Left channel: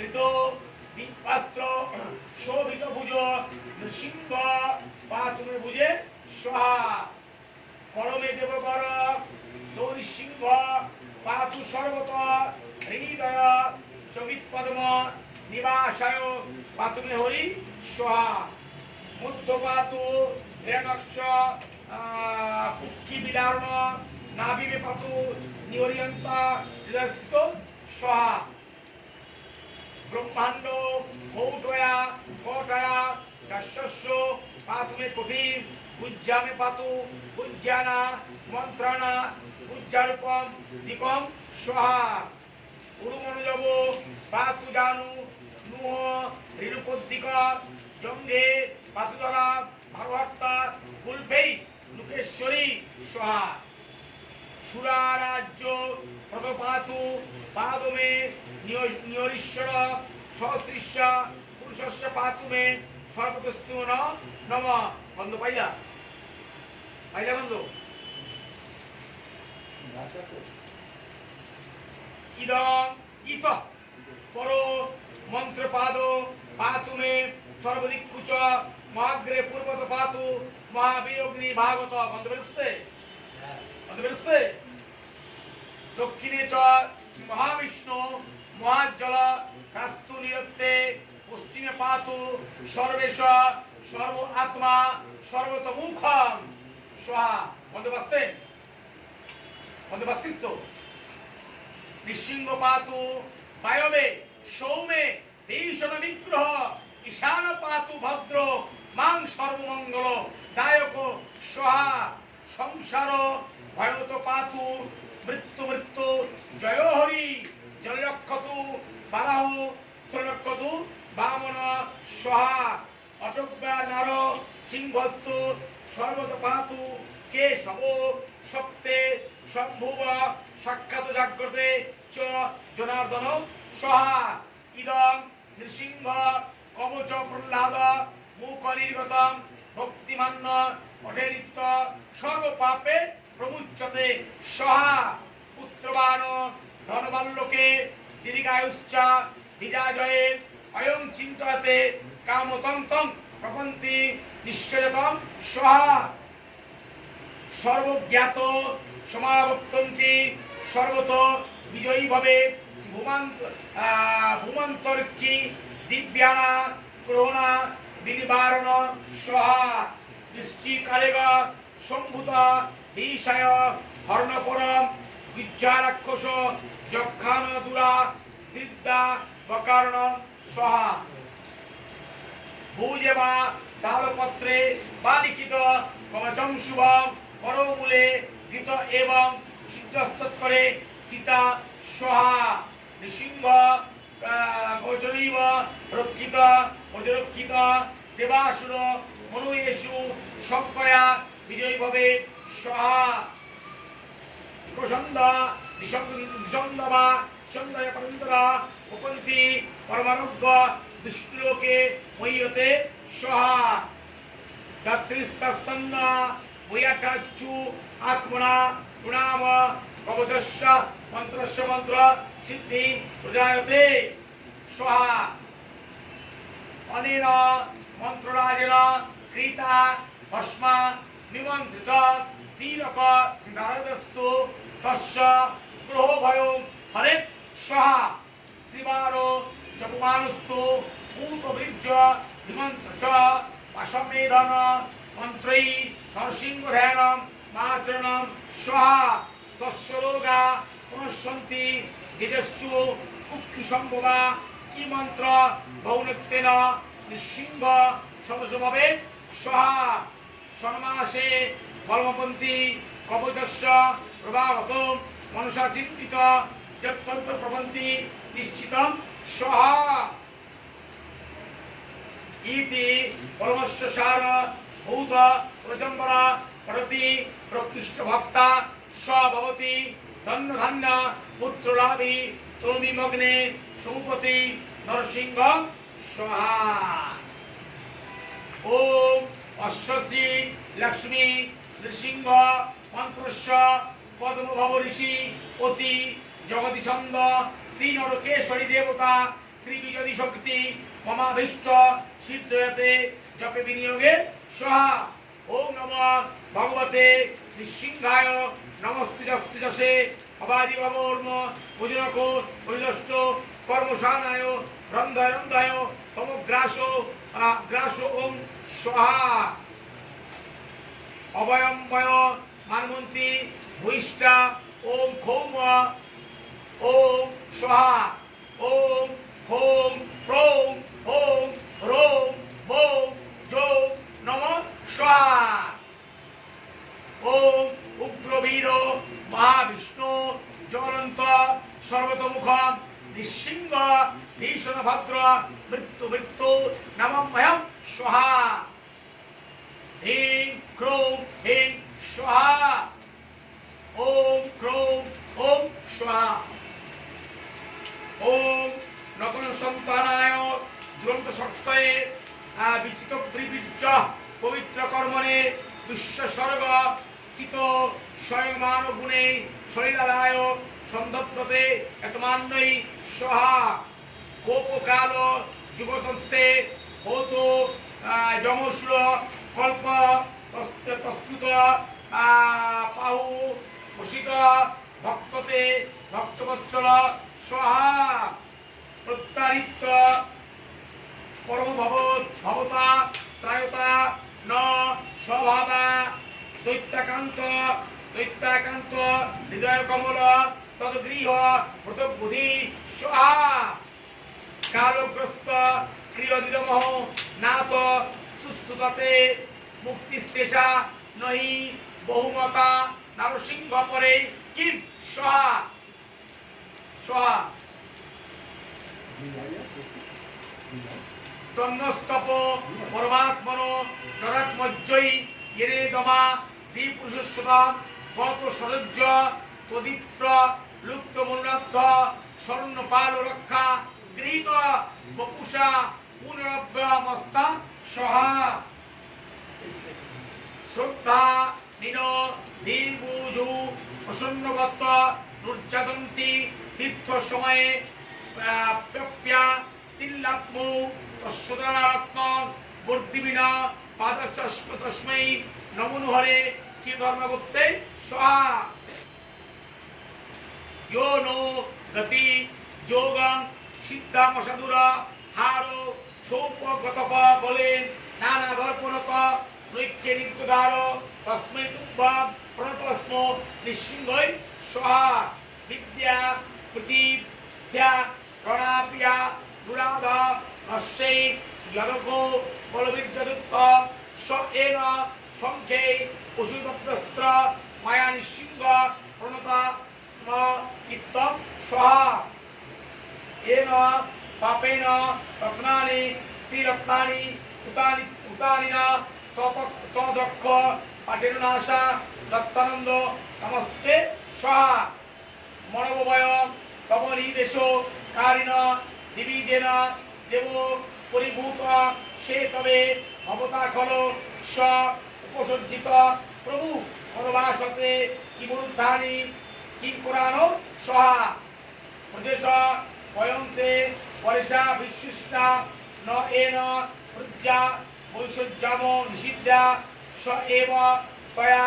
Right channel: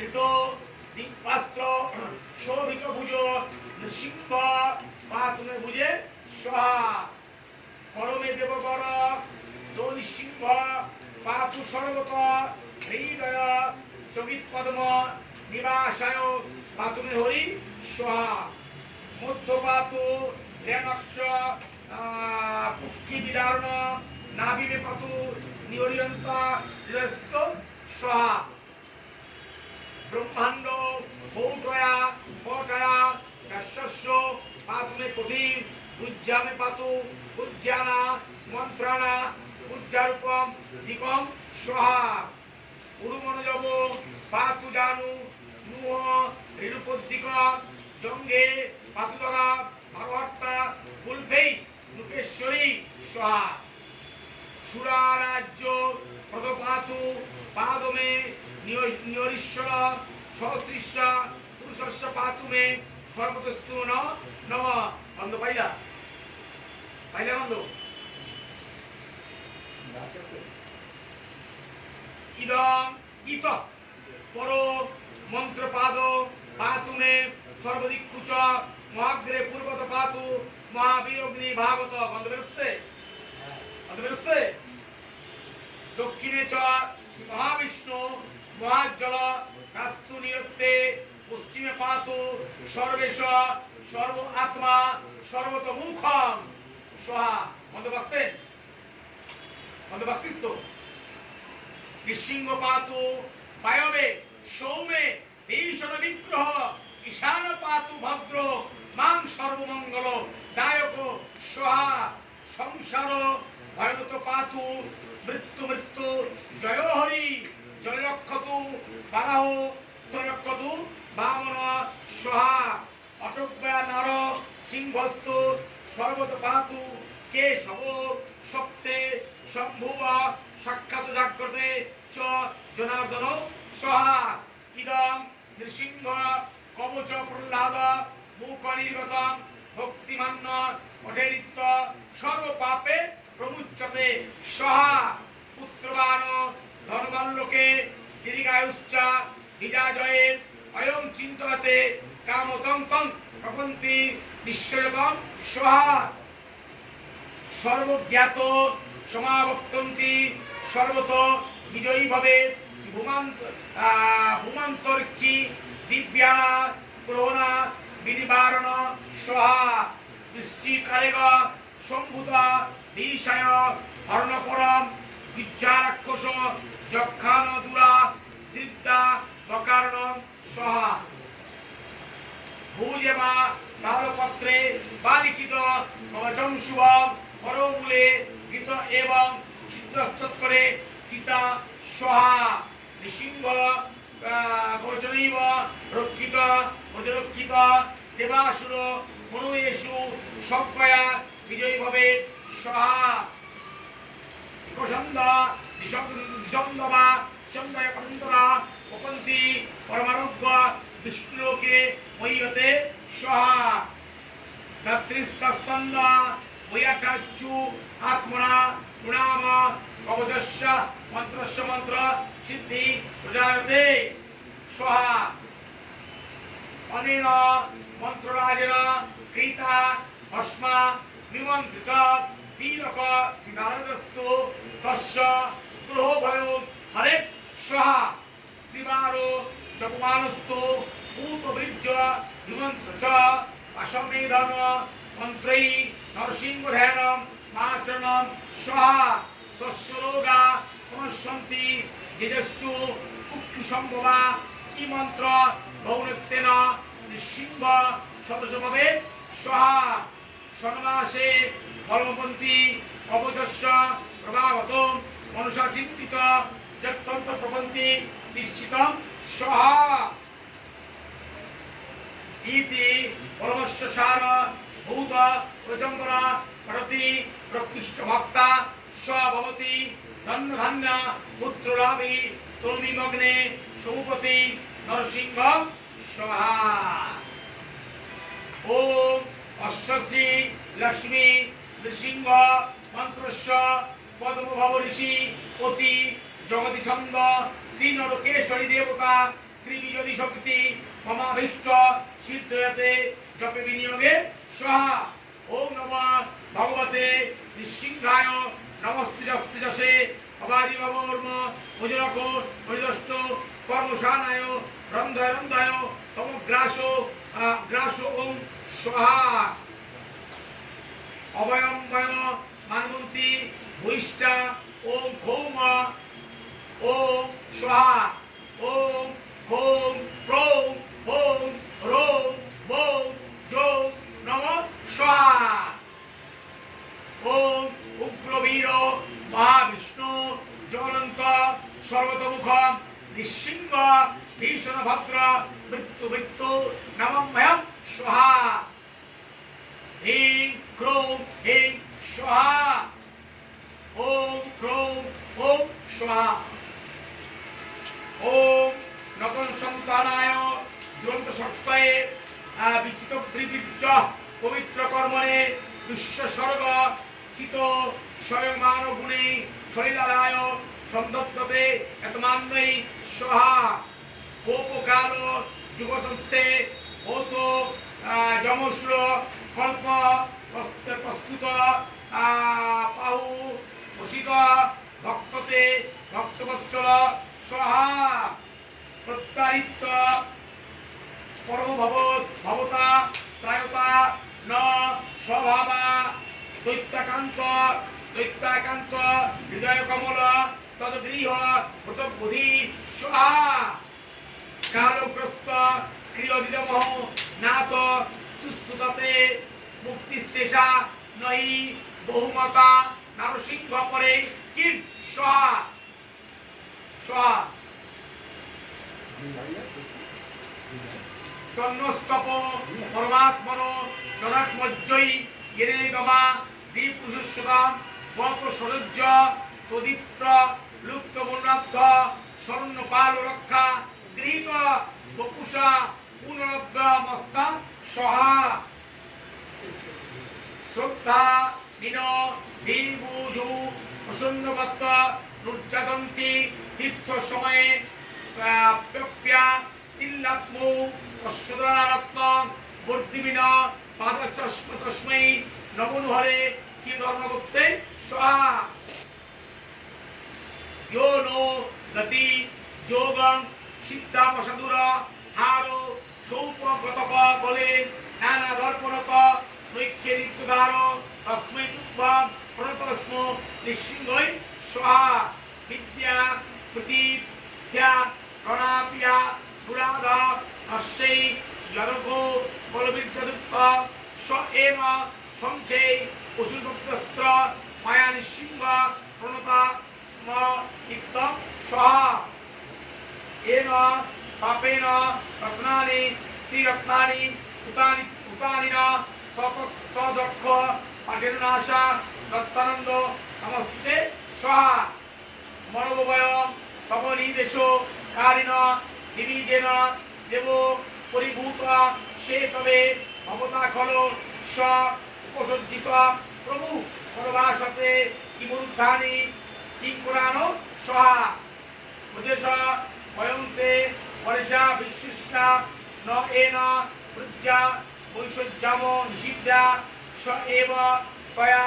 ঋত দীপাস্ত্র শোভিত ভুজ নৃসিংহ পাতুমে ভুজে সহা পরমে দেববর দৈসিংহ পাতু সর্বত হৃদয় চকিত পদ্ম নিবাসায় পাতুমে হরি সহা মধ্যপাতু রেণক্ষ পুক্ষি বিদারণ নাবিবে পাতু নিহরিয়ন্ত হৃদয়স্থিত সহা ব্রহ্মাণ্ড কৌটয়া কৌটয়া দশস্য পাতুমে কোটি উজ্জামে পাতু উজ্জানা মন্ত্রাণা উজ্জারূপম দীপম সহা উরুমনোজব পাতু জানু নুহ ঋণুপদ্দিক জঙ্গে পাতুদরা ভারহর্তা কুলপেই লুকেশ্বরী সহা সুরা রাজ্য প্রদপাতু পাদমে নিয়রীশ্বর সহস্রিষ্য পুরুষস্য পাতুমে সর্বতস্তু নম বন্ধ পাইলা পাইলা বন্ধ ইদম ইত পর মন্ত্রপাদ পাতুমে সর্বদিকুচ মহাগ্রে পূর্বত পাতু মহাবীরগ্নি ভাগত বন্ধ বেরোচ্ছে বন্ধ বেরোচ্ছে দক্ষিণে চ মহাবিষ্ণু মহাজল কাস্তু নিরত্তে পশ্চিমে পাতু সর্বেশ সর্ব আত্মা সর্বতমুখম সহা বন্ধ পাচ্ছেন বন্ধ পাচ্ছিস তো নৃসিংহ পাতু বায়বে সৌমে ভীষণ বিগ্রহ ঈশান পাতু ভদ্র মাং সর্বমঙ্গল দায়ক সহা সংসার ভয়ত পাতু মৃত্যু মৃত্যু জয় হরি জলরক্ষতু বারাহ স্থলরক্ষতু বামন সহা অটব্যা নর সিংহস্তু সর্বত পাতু কে সব সপ্তে সম্ভুব সাক্ষাৎ জাগ্রতে চ জনার্দন সহা ইদং নৃসিংহ কবচ প্রহ্লাদ মুখ নির্গতম ভক্তিমান্য অঠেরিত্ব সর্ব পাপে প্রমুচ্যতে সহা পুত্রবান ধনবাল্যকে দীর্ঘায়ুশ্চ বিজাজয়ে অয়ং চিন্তয়তে কামতং প্রপন্তি নিশ্চয়কম সহা সর্বজ্ঞাত সমাবর্তন্তি সর্বত বিজয়ী ভবে ভূমান্তর্কি দিব্যানা গ্রহণা বিনিবারণ সহা নিশ্চিকারেগ সম্ভূত বিষয় হর্ণপরম বিদ্যারাক্ষস যক্ষান দুরা দৃদ্যা বকারণ সহা ভূজেবা তালপত্রে বালিখিত কবচম শুভম পরমূলে গীত এবং সিদ্ধস্তৎকরে স্থিতা সহা নৃসিংহ ভোজনৈব রক্ষিত ভোজরক্ষিত দেবাসুর মনুয়েষু সংকয়া বিজয়ী ভবে সহা কোষন্দ নিষন্দবা সন্দয় পরন্তরা উপন্তি পরমারোগ্য বিষ্ণুলোকে মহ্যতে সহা দাত্রিস্তন্ন বৈয়াটাচ্ছু আত্মনা গুণাম কবচস্য মন্ত্রস্য মন্ত্র সিদ্ধি প্রজায়তে সহা অনেন মন্ত্ররাজেন কৃতা ভস্মা বিমন্ত্রিত তিলক নারদস্তু তস্য গ্রহ ভয় হরে সহা ত্রিবারো জপমানস্তু ভূতবীর্য বিমন্ত্র চ পাশমেধন মন্ত্রৈ নরসিংহধ্যানম মাচরণম সহা তস্য রোগা প্রণশ্যন্তি যেজস্যু কুক্ষি সম্ভবা কি মন্ত্র ভৌনিত্যেন নৃসিংহ সদস্যভাবে সহা সনমাসে কর্মপন্থী কবচস্য প্রভাবত মনসা চিন্তিত যত্তন্ত্র প্রপন্থী নিশ্চিতম সহা ইতি পরমস্য সার ভূত প্রজম্বরা প্রতি প্রকৃষ্ট ভক্তা স্বভবতি ধন্য ধান্য পুত্রলাভী তরুণীমগ্নে সমুপতি নরসিংহ সহা ওম অশ্বশ্রী লক্ষ্মী নৃসিংহ মন্ত্রস্য পদ্মভব ঋষি অতি জগতি ছন্দ শ্রী নরকেশ্বরী দেবতা শ্রী যদি শক্তি মমাভীষ্ট সিদ্ধয়তে জপে বিনিয়োগে স্বাহা। ওম নমঃ ভগবতে নৃসিংহায় নমস্তুজস্তুজসে অবাদি ভবর্ম ভোজনক পরিদষ্ট কর্মশানায় রন্ধায় রন্ধায় তম গ্রাস ওম স্বাহা। অভয়ম্বয় মানমন্ত্রী ভূইষ্ঠা ওম খৌম ওম স্বাহা। ওম হোম প্রৌম ওম রোম বোম যোম নমঃ স্বাহা। ওম উগ্রবীর মহাবিষ্ণু জ্বলন্ত সর্বতোমুখম নৃসিংহ ভীষণ ভদ্র মৃত্যু মৃত্যু নমঃ স্বাহা। হ্রিং ক্রৌম হ্রিং স্বাহা। ওম ক্রৌম ওম স্বাহা। ওম নতুন সন্তানায় দুরন্ত শক্তায় বিচিত ব্রিবীর্য পবিত্র কর্মণে বিশ্বস্বর্গ স্থিত স্বয়ংমান গুণে শৈলালায় সন্দপ্ততে এতমান্নই স্বাহা। কোপকাল যুগসংস্থে ভৌত যমসুর কল্প প্রস্তুত পাহু ভূষিত ভক্ততে ভক্তবৎসল স্বাহা। প্রত্যারিত পরম ভবতা ত্রায়তা ন স্বভাবা দৈত্যাকান্ত হৃদয় কমল তদ্গৃহ হৃতবুধি স্বাহা। কালগ্রস্ত ক্রিয়দিদমহ নাথ সুশ্রুততে মুক্তিস্তেষা নহি বহুমতা নরসিংহ পরে কিম স্বাহা। স্বাহা। তন্নস্তপ পরমাত্মন জনকমজ্জয়ী ইরে গমা দ্বিপুরুষোত্তম বত সরজ্জ তদীপ্ত লুপ্ত মনোরব্ধ স্বর্ণপাল রক্ষা গৃহীত বপুষা পুনরব্ধ মস্তা স্বাহা। শ্রদ্ধা নিন ধীরবুধু প্রসন্নব্রত নুর্যাদন্তি তীর্থ সময়ে প্রপ্যা তিল্লাপ্মু তস্যদারত্ন বর্ধিবিন পাদচস্ম তস্मै নমোহরে কি ধর্মগুপ্তে স্বাহা। यो नो गति যোগং সিদ্ধামসাধুরা হারো সৌপগতপ বলে নানা দর্পণক নৈক্যে নিত্যদার তস্मै তুভ্যং প্রণতস্ম নৃসিংহৈ স্বাহা। বিদ্যা প্রতিথ্যা প্রণাপ্যা দুরাধ নশ্যৈ যদকো বলবীর্যদুক্ত স এন সংখ্যে পশুদত্তস্ত্র মায়া নৃসিংহ প্রণতা স্ম ইত্যং স্বাহা। এন পাপেন রত্নানি ত্রিরত্নানি উতানি তদক্ষ পাঠেরনাশা দত্তানন্দ নমস্তে স্বাহা। মনোবয়ং তব নিদেশ কারিণ দিবিদেন দেব পরিভূত সে তবে ভবতা খল স উপসজ্জিত প্রভু পরবাসতে কিমুদ্ধানি কিঙ্কুরান স্বাহা। প্রদেশ বয়ন্তে পরেশা বিশ্বস্তা ন এন প্রজ্ঞা বৈষজ্যাম নিষিদ্ধা স এব তয়া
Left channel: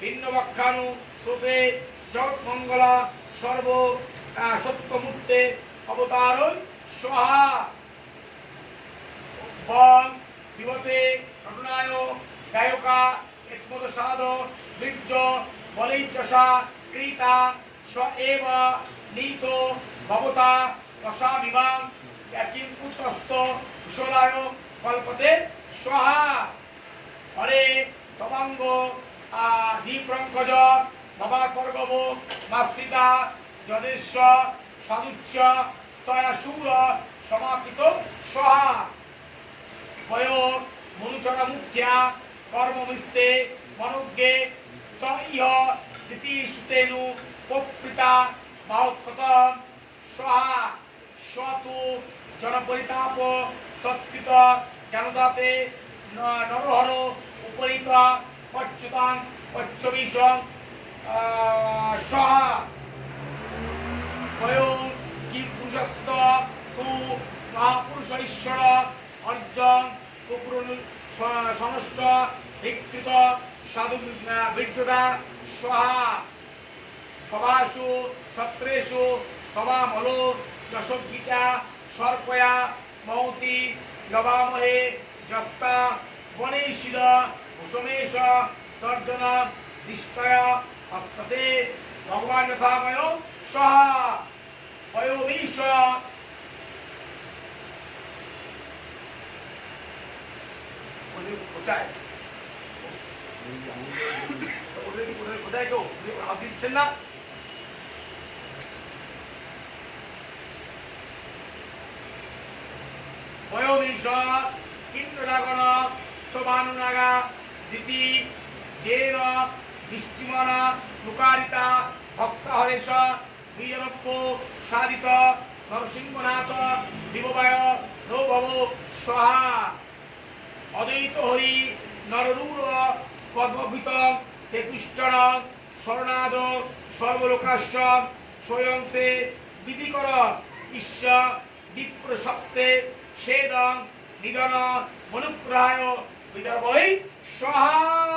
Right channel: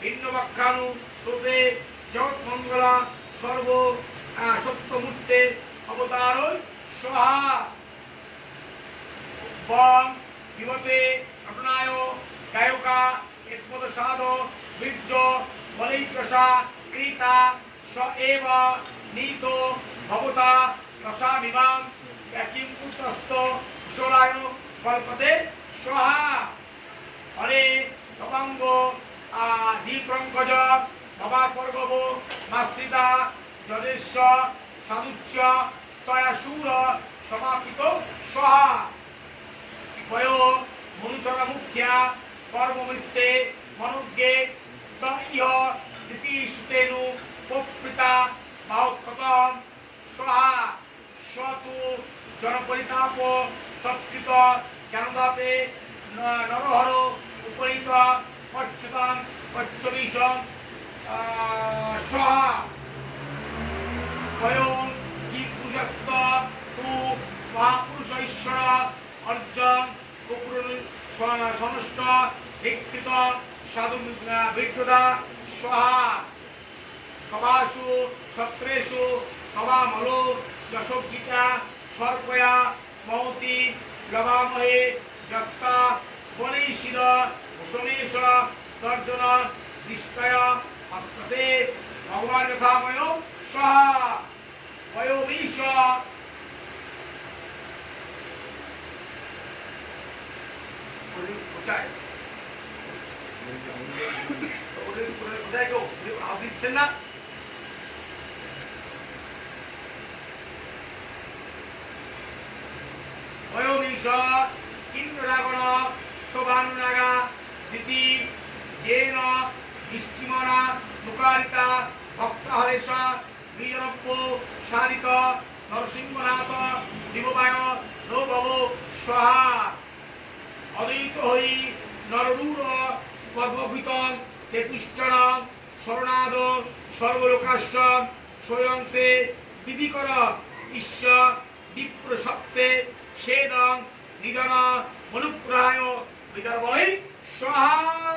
ভিন্নবক্ষানু রূপে জগৎমঙ্গলা সর্ব সত্যমূর্তে অবতার স্বাহা। বং বিবতে ঘটনায় গায়কা একমদসাদ বীর্য বলৈত্যসা কৃতা স এব নীত ভবতা রসাবিবাং কিংকুতস্থ কুশলায় কল্পতে স্বাহা। হরে তবাঙ্গ দীপ্রঙ্কজ নবাপর্গব মাস্তিতা যদেশ্ব সাধুচ্চ তয়াসুর সমাপিত স্বাহা। বয় মনুচর মুখ্যা কর্মমিস্তে মনুজ্ঞে ইহ তৃতীয়সুতেনু প্রকৃতা বাহুৎপতম স্বাহা। সতু জনপরিতাপ তৎকৃত জানদাতে নরহর উপনীত পচ্যুতাং পচ্যবিষং স্বাহা। বয়ং কিপুষস্ত তু মহাপুরুষ ঈশ্বর অর্জন সমস্ত বিকৃত সাধু বিদ্যুতা সহা সভাসু সত্রেষু সভামলো যশোগীতা সর্পয়া মহতি লবামহে যস্তা বনৈষিদ কুসুমেশ তর্জন দৃষ্টয় হস্ততে ভগবান যথাময় সহা বয়োমীশ কোথায় কোথায় কেউ আপ দিচ্ছেন না বয়োমীশ ইন্দ্রাগণ তোবানুনাগা দিতি জেন দৃষ্টিমনা নুকারিতা ভক্তহরেশ বীজনপ্য সাধিত নরসিংহনাথ দিববায় নৌভব সহা অদ্বৈত হরি নররূঢ় পদ্মভীত তেতুষ্টান শরণাদ সর্বলোকাশ্চ স্বয়ংতে বিধিকর ঈশ্বর বিপ্রসপ্তে সেদং নিধন মনুগ্রহায় বিদর্ভৈ সহা